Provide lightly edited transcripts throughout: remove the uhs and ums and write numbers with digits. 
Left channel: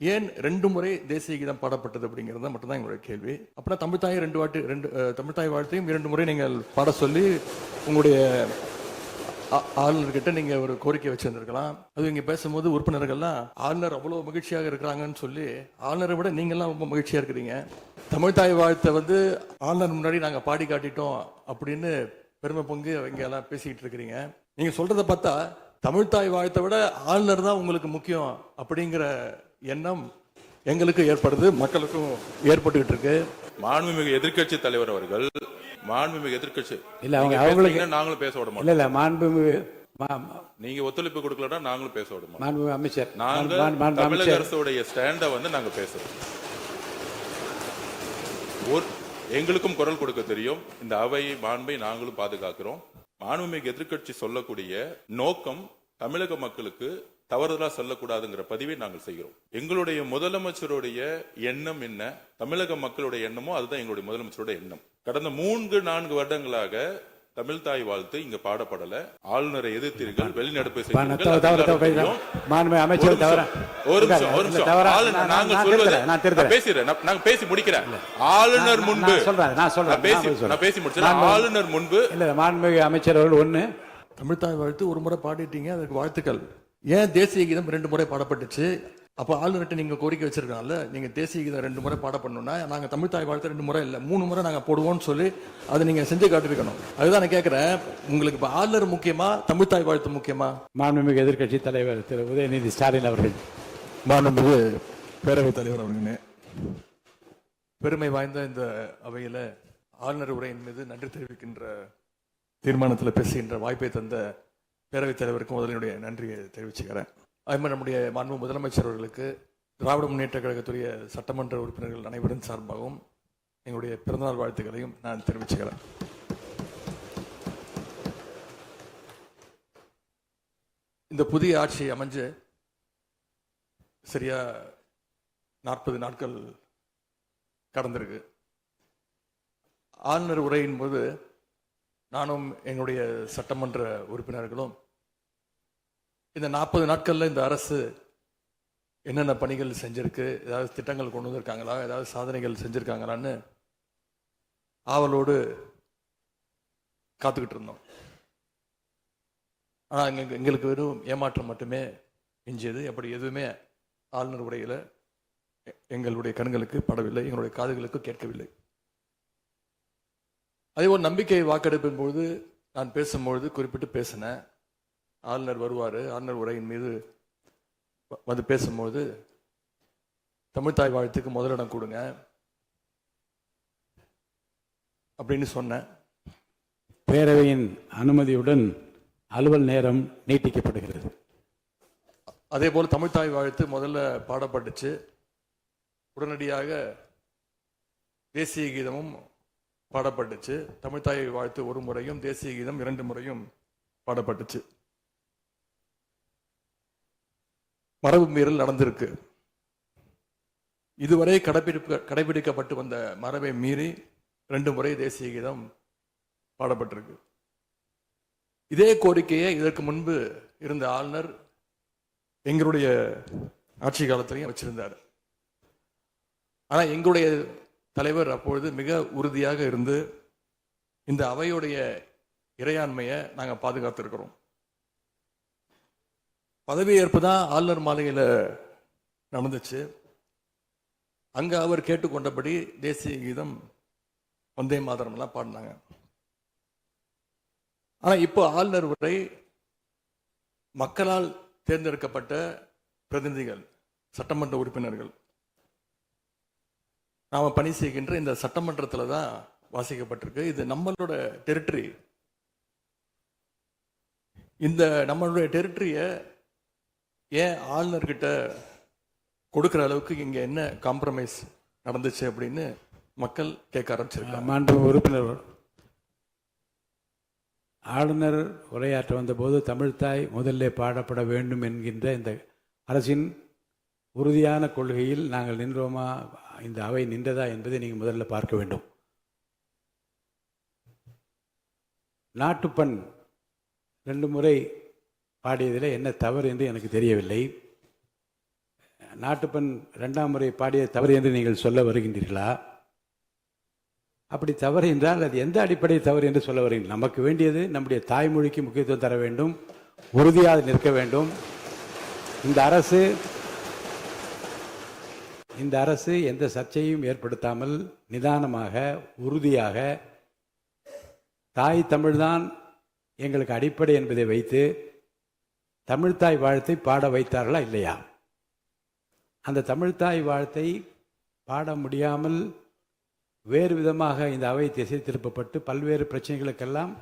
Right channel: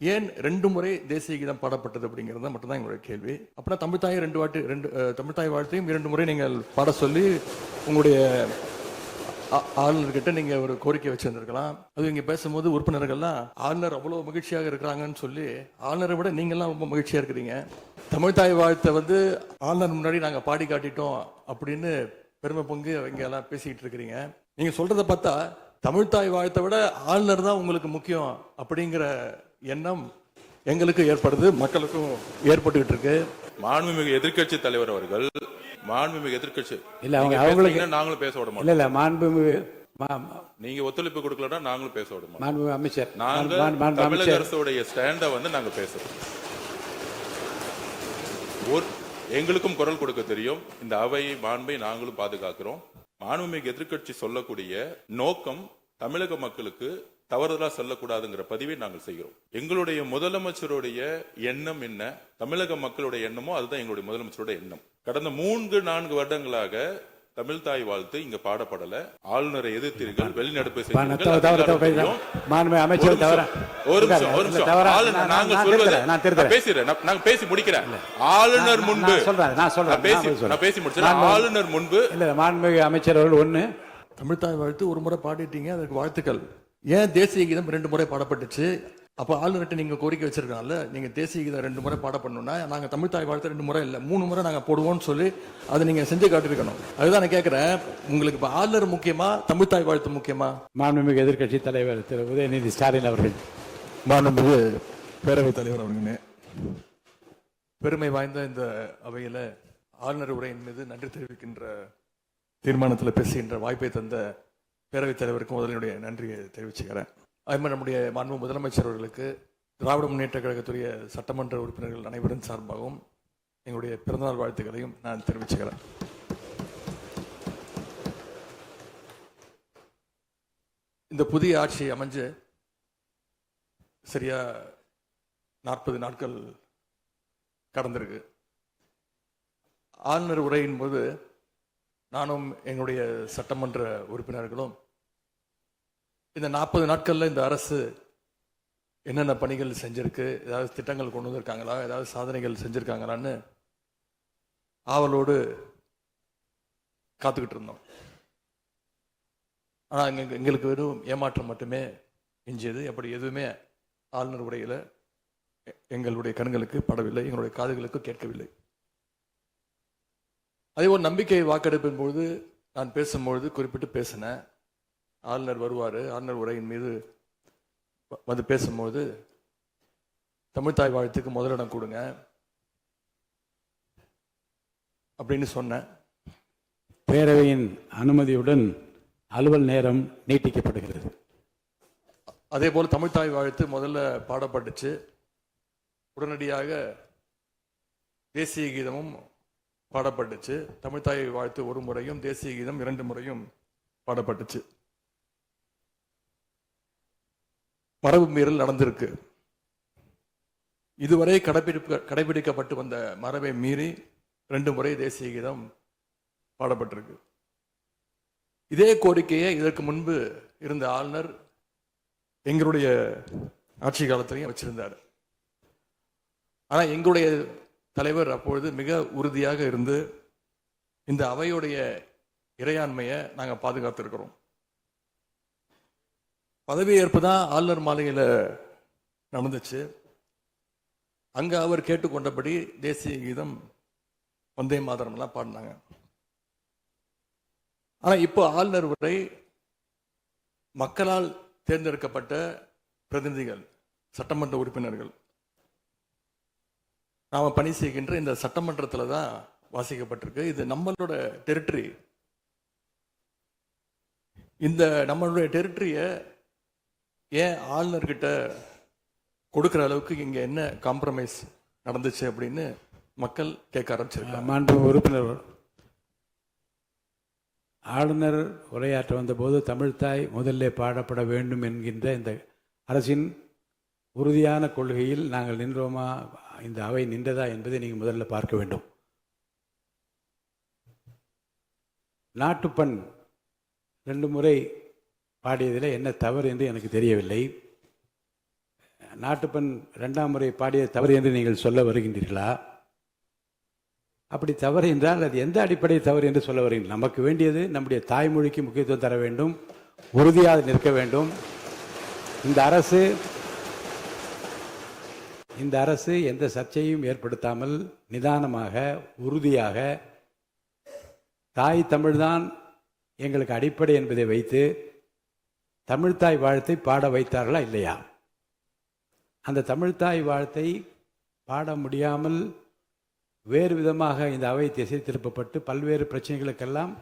ஏன் 2 முறை தேசிய கீதம் பாடப்பட்டது அப்படிங்கிறது மட்டும்தான் எங்களுடைய கேள்வி. அப்புறம் தமிழ்த்தாய் 2 தமிழ்த்தாய் வாழ்த்தையும் 2 முறை நீங்கள் பாட சொல்லி உங்களுடைய ஆளுநர்கிட்ட நீங்க ஒரு கோரிக்கை வச்சிருந்திருக்கலாம். அது இங்க பேசும்போது உறுப்பினர்கள்லாம் ஆளுநர் அவ்வளவு மகிழ்ச்சியாக இருக்கிறாங்கன்னு சொல்லி, ஆளுநரை விட நீங்கெல்லாம் ரொம்ப மகிழ்ச்சியா இருக்கிறீங்க. தமிழ்த்தாய் வாழ்த்தை ஆளுநர் முன்னாடி நாங்க பாடி காட்டிட்டோம் அப்படின்னு பெருமை பொங்கு இங்க எல்லாம் பேசிக்கிட்டு இருக்கிறீங்க. நீங்க சொல்றதை பார்த்தா தமிழ்த்தாய் வாழ்த்தை விட ஆளுநர் தான் உங்களுக்கு முக்கியம் அப்படிங்கிற எண்ணம் எங்களுக்கு ஏற்படுது, மக்களுக்கும் ஏற்பட்டுக்கிட்டு இருக்கு. மாண்புமிகு எதிர்க்கட்சி தலைவர் அவர்கள் மாண்புமிகு எதிர்க்கட்சி இல்ல அவங்களுக்கு நாங்களும் பேச விட இல்ல மாண்புமிகு நீங்க ஒத்துழைப்பு கொடுக்கலன்னா நாங்களும் பேச விட மாண்புமிகு அமைச்சர் நாங்கள் தமிழக அரசுடைய ஸ்டாண்ட நாங்க பேசுறோம். எங்களுக்கும் குரல் கொடுக்க தெரியும். இந்த அவை மாண்பை நாங்களும் பாதுகாக்கிறோம். மாண்புமிகு எதிர்க்கட்சி சொல்லக்கூடிய நோக்கம் தமிழக மக்களுக்கு தவறுதலா சொல்லக்கூடாதுங்கிற பதிவை நாங்கள் செய்கிறோம். எங்களுடைய முதலமைச்சருடைய எண்ணம் என்ன, தமிழக மக்களுடைய எண்ணமோ அதுதான் எங்களுடைய முதலமைச்சருடைய எண்ணம். கடந்த 3-4 வருடங்களாக தமிழ் தாய் வாழ்த்து இங்க பாடப்படல. ஆளுநரை எதிர்த்தீர்கள், வெளிநடப்பு நாங்க பேசி முடிக்கிறேன். ஆளுநர் முன்பு பேசி முடிச்சேன். ஆளுநர் முன்பு மாண்புமிகு அமைச்சர் அவர்கள் ஒண்ணு தமிழ்த்தாய் வாழ்த்து ஒரு முறை பாடிட்டீங்க, அதுக்கு வாழ்த்துக்கள். ஏன் தேசிய கீதம் 2 முறை பாடப்பட்டுச்சு? அப்ப ஆளுநர்கிட்ட நீங்க கோரிக்கை வச்சிருக்கனால நீங்க தேசிய கீதம் 2 முறை பாட பண்ணணும்னா நாங்க தமிழ்த்தாய் வாழ்த்து 2 முறை இல்ல 3 முறை நாங்க போடுவோம்னு சொல்லி அதை நீங்க செஞ்சு காட்டிருக்கணும். அதுதான் நான் கேட்கிறேன், உங்களுக்கு இப்ப ஆளுநர் முக்கியமா தமிழ்த்தாய் வாழ்த்து முக்கியமா? மாண்புமிகு எதிர்க்கட்சி தலைவர் திரு உதயநிதி ஸ்டாலின் அவர்கள். மாண்புமிகு பேரவைத் தலைவர் அவர்களே, பெருமை வாய்ந்த இந்த அவையில ஆளுநர் உரையின் மீது நன்றி தெரிவிக்கின்ற தீர்மானத்தில் பேசுகின்ற வாய்ப்பை தந்த பேரவைத் தலைவருக்கு முதலினுடைய நன்றியை தெரிவிச்சுக்கிறேன். அதுமாதிரி நம்முடைய மாண்பு முதலமைச்சர் அவர்களுக்கு திராவிட முன்னேற்ற கழகத்துடைய சட்டமன்ற உறுப்பினர்கள் அனைவரின் சார்பாகவும் எங்களுடைய பிறந்தநாள் வாழ்த்துக்களையும் நான் தெரிவிச்சுக்கிறேன். இந்த புதிய ஆட்சி அமைஞ்சு சரியா 40 நாட்கள் கடந்திருக்கு. ஆளுநர் உரையின் போது நானும் எங்களுடைய சட்டமன்ற உறுப்பினர்களும் இந்த 40 நாட்கள்ல இந்த அரசு என்னென்ன பணிகள் செஞ்சிருக்கு, ஏதாவது திட்டங்கள் கொண்டு வந்திருக்காங்களா, ஏதாவது சாதனைகள் செஞ்சிருக்காங்களான்னு ஆவலோடு காத்துக்கிட்டு இருந்தோம். ஆனா எங்களுக்கு வெறும் ஏமாற்றம் மட்டுமே எஞ்சியது. அப்படி எதுவுமே ஆளுநர் உரையில எங்களுடைய கண்களுக்கு படவில்லை, எங்களுடைய காதுகளுக்கு கேட்கவில்லை. அதே ஒரு நம்பிக்கை வாக்கெடுப்பின் போது நான் பேசும்பொழுது குறிப்பிட்டு பேசினேன், ஆளுநர் வருவாரு, ஆளுநர் உரையின் மீது பேசும்போது தமிழ்த்தாய் வாழ்த்துக்கு முதலிடம் கொடுங்க அப்படின்னு சொன்னேன். பேரவையின் அனுமதியுடன் அலுவல் நேரம் நீட்டிக்கப்படுகிறது. அதே போல தமிழ்த்தாய் வாழ்த்து முதல்ல பாடப்பட்டுச்சு. உடனடியாக தேசிய கீதமும் பாடப்பட்டுச்சு. தமிழ்த்தாய் வாழ்த்து 1 முறையும் தேசிய கீதம் 2 முறையும் பாடப்பட்டுச்சு. மரபு மீறல் நடந்திருக்கு. இதுவரை கடைபிடிக்கப்பட்டு வந்த மரபை மீறி 2 முறை தேசிய கீதம் பாடப்பட்டிருக்கு. இதே கோரிக்கையை இதற்கு முன்பு இருந்த ஆளுநர் எங்களுடைய ஆட்சி காலத்திலையும் வச்சிருந்தார். ஆனா எங்களுடைய தலைவர் அப்பொழுது மிக உறுதியாக இருந்து இந்த அவையுடைய இறையாண்மையை நாங்க பாதுகாத்திருக்கிறோம். பதவியேற்பு தான் ஆளுநர் மாளிகையில் நடந்துச்சு. அங்க அவர் கேட்டுக்கொண்டபடி தேசிய கீதம் வந்தே மாதரம் எல்லாம் பாடினாங்க. ஆனா இப்போ ஆளுநர் உரை மக்களால் தேர்ந்தெடுக்கப்பட்ட பிரதிநிதிகள், சட்டமன்ற உறுப்பினர்கள் நாம பணி செய்கின்ற இந்த சட்டமன்றத்துல தான் வாசிக்கப்பட்டிருக்கு. இது நம்மளோட டெரிட்டரி. இந்த நம்மளுடைய டெரிட்டரிய ஏன் ஆளுநர்கிட்ட கொடுக்கிற அளவுக்கு இங்க என்ன காம்ப்ரமைஸ் நடந்துச்சு அப்படின்னு மக்கள் கேட்க ஆரம்பிச்சிருக்காங்க. மாண்பு உறுப்பினர், ஆளுநர் உரையாற்ற வந்தபோது தமிழ்த்தாய் முதல்ல பாடப்பட வேண்டும் என்கின்ற இந்த அரசின் உறுதியான கொள்கையில் நாங்கள் நின்றோமா, இந்த அவை நின்றதா என்பதை நீங்கள் முதல்ல பார்க்க வேண்டும். நாட்டுப்பண் 2 முறை பாடியதில் என்ன தவறு என்று எனக்கு தெரியவில்லை. நாட்டுப்பண் 2ஆம் முறை பாடிய தவறு என்று நீங்கள் சொல்ல வருகின்றீர்களா? அப்படி தவறு என்றால் அது எந்த அடிப்படை தவறு என்று சொல்ல வருகிறீர்கள்? நமக்கு வேண்டியது நம்முடைய தாய்மொழிக்கு முக்கியத்துவம் தர வேண்டும், உறுதியாக நிற்க வேண்டும். இந்த அரசு எந்த சர்ச்சையும் ஏற்படுத்தாமல் நிதானமாக உறுதியாக தாய் தமிழ்தான் எங்களுக்கு அடிப்படை என்பதை வைத்து தமிழ்த்தாய் வாழ்த்தை பாட வைத்தார்களா இல்லையா? அந்த தமிழ்த்தாய் வாழ்த்தை பாட முடியாமல் வேறு விதமாக இந்த அவை திசை திருப்பப்பட்டு பல்வேறு பிரச்சனைகளுக்கெல்லாம்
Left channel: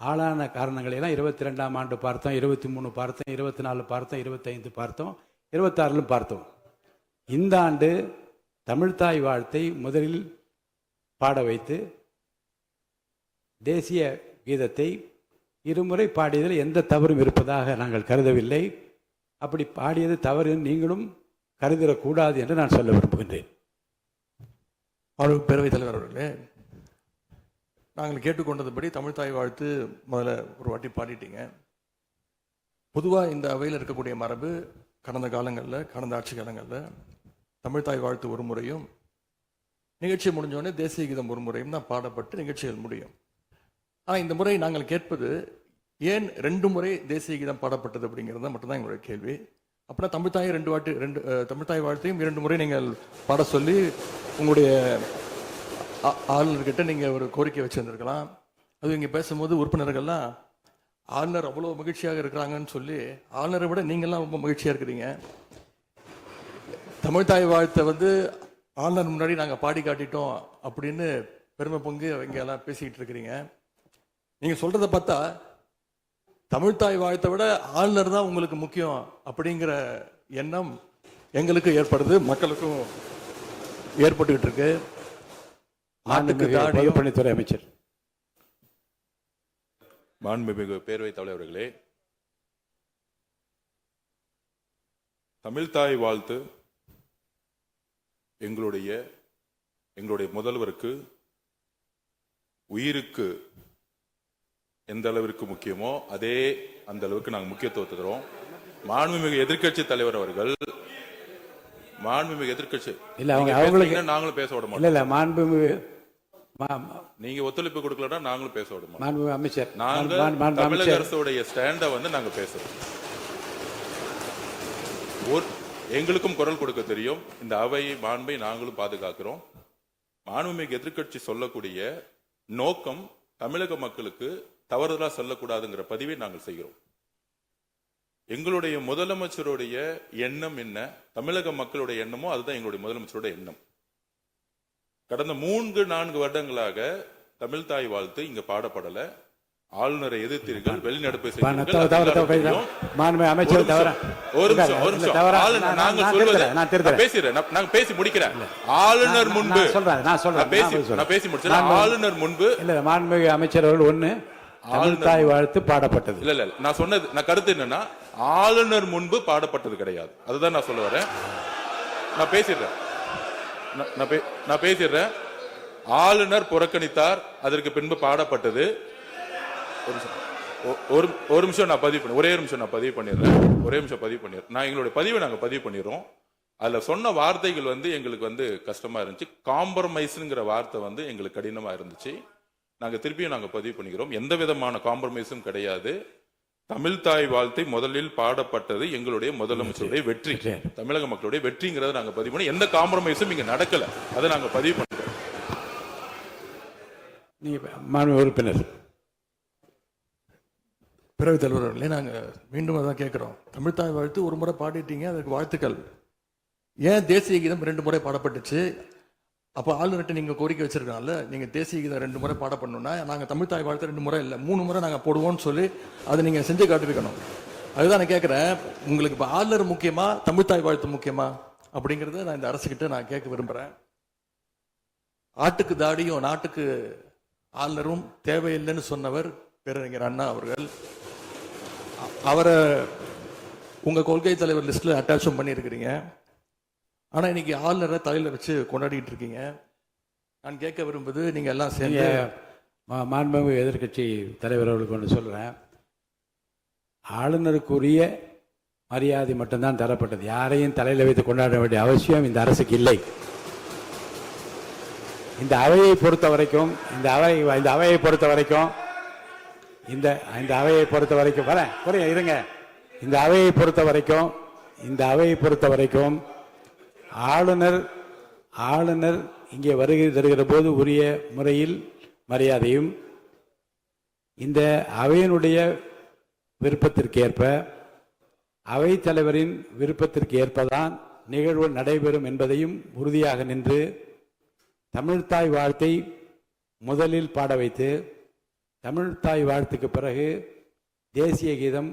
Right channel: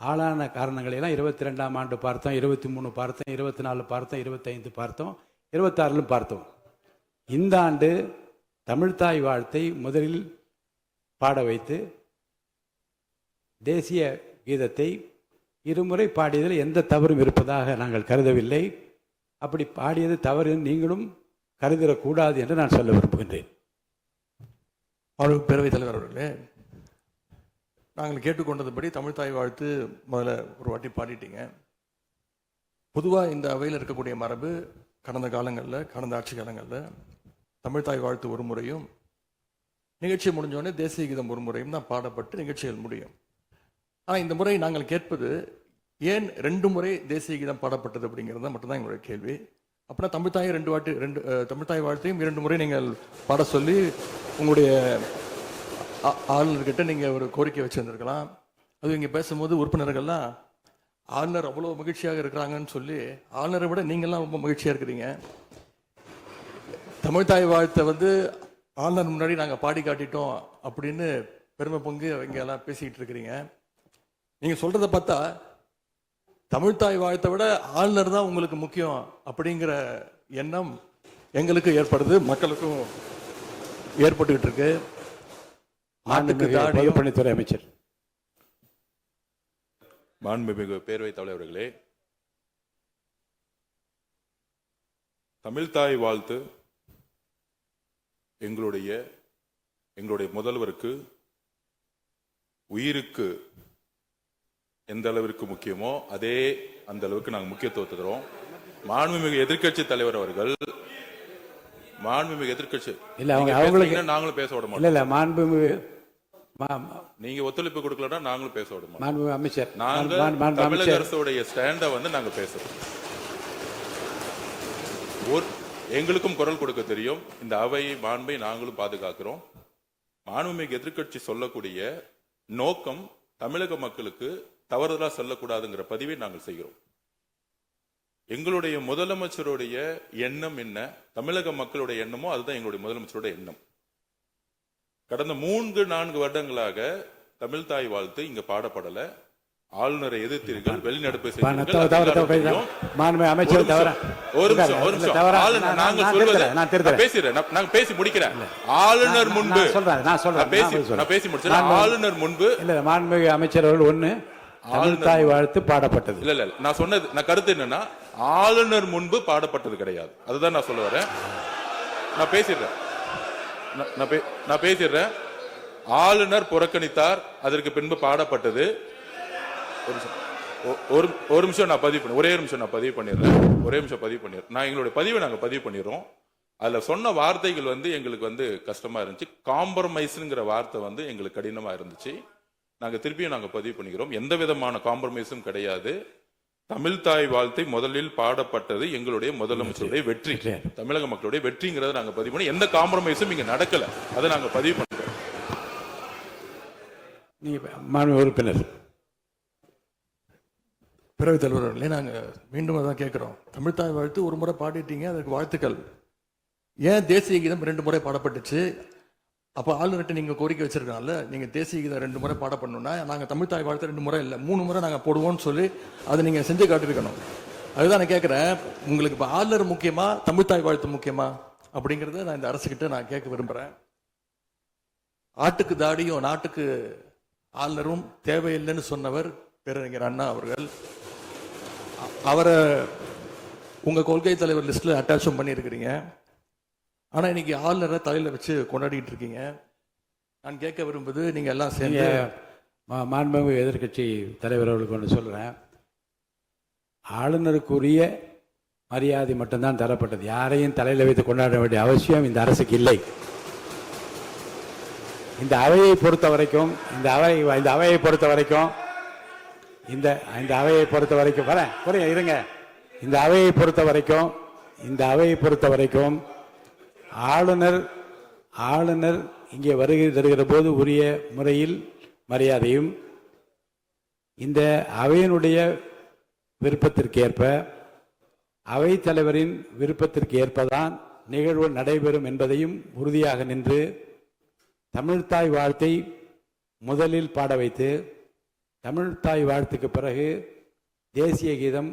ஆளான காரணங்களெல்லாம் 22ஆம் ஆண்டு பார்த்தோம், 23 பார்த்தோம், 24 பார்த்தோம், 25 பார்த்தோம், 26 பார்த்தோம். இந்த ஆண்டு தமிழ்த்தாய் வாழ்த்தை முதலில் பாட வைத்து தேசிய கீதத்தை இருமுறை பாடியதில் எந்த தவறும் இருப்பதாக நாங்கள் கருதவில்லை. அப்படி பாடியது தவறு நீங்களும் கருதிடக்கூடாது என்று நான் சொல்ல விரும்புகின்றேன். பேரவைத் தலைவர் அவர்களே, நாங்கள் கேட்டுக்கொண்டதுபடி தமிழ்த்தாய் வாழ்த்து முதல்ல ஒரு வாட்டி பாடிட்டீங்க. பொதுவாக இந்த அவையில் இருக்கக்கூடிய மரபு கடந்த காலங்களில், கடந்த ஆட்சி காலங்களில் தமிழ்த்தாய் வாழ்த்து ஒரு முறையும் நிகழ்ச்சி முடிஞ்சோடனே தேசிய கீதம் ஒரு முறையும் தான் பாடப்பட்டு நிகழ்ச்சிகள் முடியும். ஆனால் இந்த முறை நாங்கள் கேட்பது ஏன் 2 முறை தேசிய கீதம் பாடப்பட்டது அப்படிங்கிறது மட்டும்தான் எங்களுடைய கேள்வி. அப்புறம் தமிழ்த்தாயை தமிழ்த்தாய் வாழ்த்தையும் 2 முறை நீங்கள் பாட சொல்லி உங்களுடைய ஆளுநர்கிட்ட நீங்க ஒரு கோரிக்கை வச்சிருந்திருக்கலாம். அது இங்க பேசும்போது உறுப்பினர்கள்லாம் ஆளுநர் அவ்வளவு மகிழ்ச்சியாக இருக்கிறாங்கன்னு சொல்லி ஆளுநரை விட நீங்கள்லாம் ரொம்ப மகிழ்ச்சியா இருக்கிறீங்க. தமிழ்த்தாய் வாழ்த்தை ஆளுநர் முன்னாடி நாங்க பாடி காட்டிட்டோம் அப்படின்னு பெருமை பொங்கு இங்க எல்லாம் பேசிக்கிட்டு இருக்கிறீங்க. நீங்க சொல்றத பார்த்தா தமிழ்த்தாய் வாழ்த்தை விட ஆளுநர் தான் உங்களுக்கு முக்கியம் அப்படிங்கிற எண்ணம் எங்களுக்கு ஏற்படுது, மக்களுக்கும் ஏற்பட்டுக்கிட்டு இருக்கு. பொதுப்பணித்துறை அமைச்சர். மாண்புமிகு பேரவைத் தலைவர்களே, தமிழ்த்தாய் வாழ்த்து எங்களுடைய முதல்வருக்கு உயிருக்கு எந்த அளவிற்கு முக்கியமோ அதே அந்த அளவுக்கு நாங்கள் முக்கியத்துவம் தருவோம். மாண்புமிகு எதிர்க்கட்சி தலைவர் அவர்கள் நாங்களும் பேச விட மாட்டோம். நீங்க ஒத்துழைப்பு கொடுக்கலன்னா நாங்களும் பேச விட மாட்டோம். அமைச்சர், தமிழக அரசுடைய ஸ்டாண்ட நாங்க பேசுறோம். எங்களுக்கும் குரல் கொடுக்க தெரியும். இந்த அவை மாண்பை நாங்களும் பாதுகாக்கிறோம். மாண்புமிகு எதிர்க்கட்சி சொல்லக்கூடிய நோக்கம் தமிழக மக்களுக்கு தவறுதலா சொல்லக்கூடாதுங்கிற பதிவை நாங்கள் செய்கிறோம். எங்களுடைய முதலமைச்சருடைய எண்ணம் என்ன, தமிழக மக்களுடைய எண்ணமோ அதுதான் எங்களுடைய முதலமைச்சருடைய எண்ணம். கடந்த 3-4 வருடங்களாக தமிழ்த்தாய் வாழ்த்து இங்க பாடப்படல. ஆளுநரை எதிர்த்தீர்கள், வெளிநடப்பு பேசி முடிக்கிறேன். ஆளுநர் முன்பு ஆளுநர் முன்பு மாண்புமிகு அமைச்சர்கள் ஒண்ணு தமிழ்த்தாய் வாழ்த்து பாடப்பட்டது. இல்ல நான் சொன்னது, நான் கருத்து என்னன்னா ஆளுநர் முன்பு பாடப்பட்டது கிடையாது. அதுதான் நான் சொல்ல வரேன். நான் பேசிடுறேன். ஆளுநர் புறக்கணித்தார், அதற்கு பின்பு பாடப்பட்டது. ஒரு நிமிஷம் நான் பதிவு பண்ணி ஒரே நிமிஷம் நான் பதிவு பண்ணிடுறேன். நான் எங்களுடைய பதிவை நாங்க பதிவு பண்ணிடுறோம். அதுல சொன்ன வார்த்தைகள் எங்களுக்கு கஷ்டமா இருந்துச்சு. காம்ப்ரமைஸ்ங்கிற வார்த்தை எங்களுக்கு கடினமா இருந்துச்சு. நாங்க திருப்பியும் நாங்க பதிவு பண்ணிக்கிறோம். எந்த விதமான காம்ப்ரமைஸும் கிடையாது. தமிழ்த்தாய் வாழ்த்தை முதலில் பாடப்பட்டது எங்களுடைய முதலமைச்சருடைய வெற்றி, தமிழக மக்களுடைய வெற்றிங்கிறத நாங்க பதிவு பண்ணி எந்த காம்ப்ரமைஸும் இங்க நடக்கல. அதை நாங்க பதிவு பண்றோம். உறுப்பினர் பேரவைத் தலைவர்களே, நாங்க மீண்டும் அதான் கேட்கிறோம். தமிழ்த்தாய் வாழ்த்து ஒரு முறை பாடிட்டீங்க, அதுக்கு வாழ்த்துக்கள். ஏன் தேசிய கீதம் 2 முறை பாடப்பட்டுச்சு? அப்ப ஆளுநர்கிட்ட நீங்க கோரிக்கை வச்சிருக்காங்கல்ல, நீங்க தேசிய கீதம் 2 முறை பாட பண்ணணும்னா நாங்க தமிழ்த்தாய் வாழ்த்து 2 முறை இல்ல 3 முறை நாங்க போடுவோம்னு சொல்லி அதை நீங்க செஞ்சு காட்டிருக்கணும். அதுதான் நான் கேட்கிறேன். உங்களுக்கு இப்ப ஆளுநர் முக்கியமா, தமிழ்த்தாய் வாழ்த்து முக்கியமா அப்படிங்கறத நான் இந்த அரசுகிட்ட நான் கேட்க விரும்புறேன். ஆட்டுக்கு தாடியும் நாட்டுக்கு ஆளுநரும் தேவையில்லைன்னு சொன்னவர் பேரறிஞர் அண்ணா அவர்கள். அவரை உங்க கொள்கை தலைவர் லிஸ்ட்ல அட்டாச்சும் பண்ணியிருக்கிறீங்க. ஆனா இன்னைக்கு ஆளுநரை தலையில வச்சு கொண்டாடிட்டு இருக்கீங்க. நான் கேட்க விரும்புவது, நீங்க எல்லாம் சேர்ந்து மாண்புமிகு எதிர்க்கட்சி தலைவர் அவர்களுக்கு ஒன்று சொல்றேன். ஆளுநருக்குரிய மரியாதை மட்டும்தான் தரப்பட்டது. யாரையும் தலையில் வைத்து கொண்டாட வேண்டிய அவசியம் இந்த அரசுக்கு இல்லை. இந்த அவையை பொறுத்த வரைக்கும் இந்த அவையை பொறுத்த வரைக்கும் இருங்க. இந்த அவையை பொறுத்த வரைக்கும் ஆளுநர் இங்கே வருகை தருகிற போது உரிய முறையில் மரியாதையும், இந்த அவையினுடைய விருப்பத்திற்கேற்ப அவைத் தலைவரின் விருப்பத்திற்கு ஏற்பதான் நிகழ்வு நடைபெறும் என்பதையும் உறுதியாக நின்று தமிழ்த்தாய் வாழ்த்தை முதலில் பாட வைத்து, தமிழ்த்தாய் வாழ்த்துக்கு பிறகு தேசிய கீதம்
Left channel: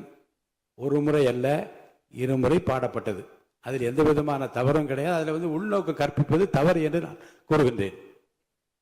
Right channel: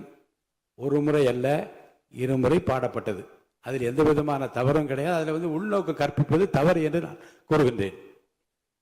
ஒரு முறை அல்ல 2 முறை பாடப்பட்டது. அதில் எந்த விதமான தவறும் கிடையாது. அதில் உள்நோக்கு கற்பிப்பது தவறு என்று நான் கூறுகின்றேன்.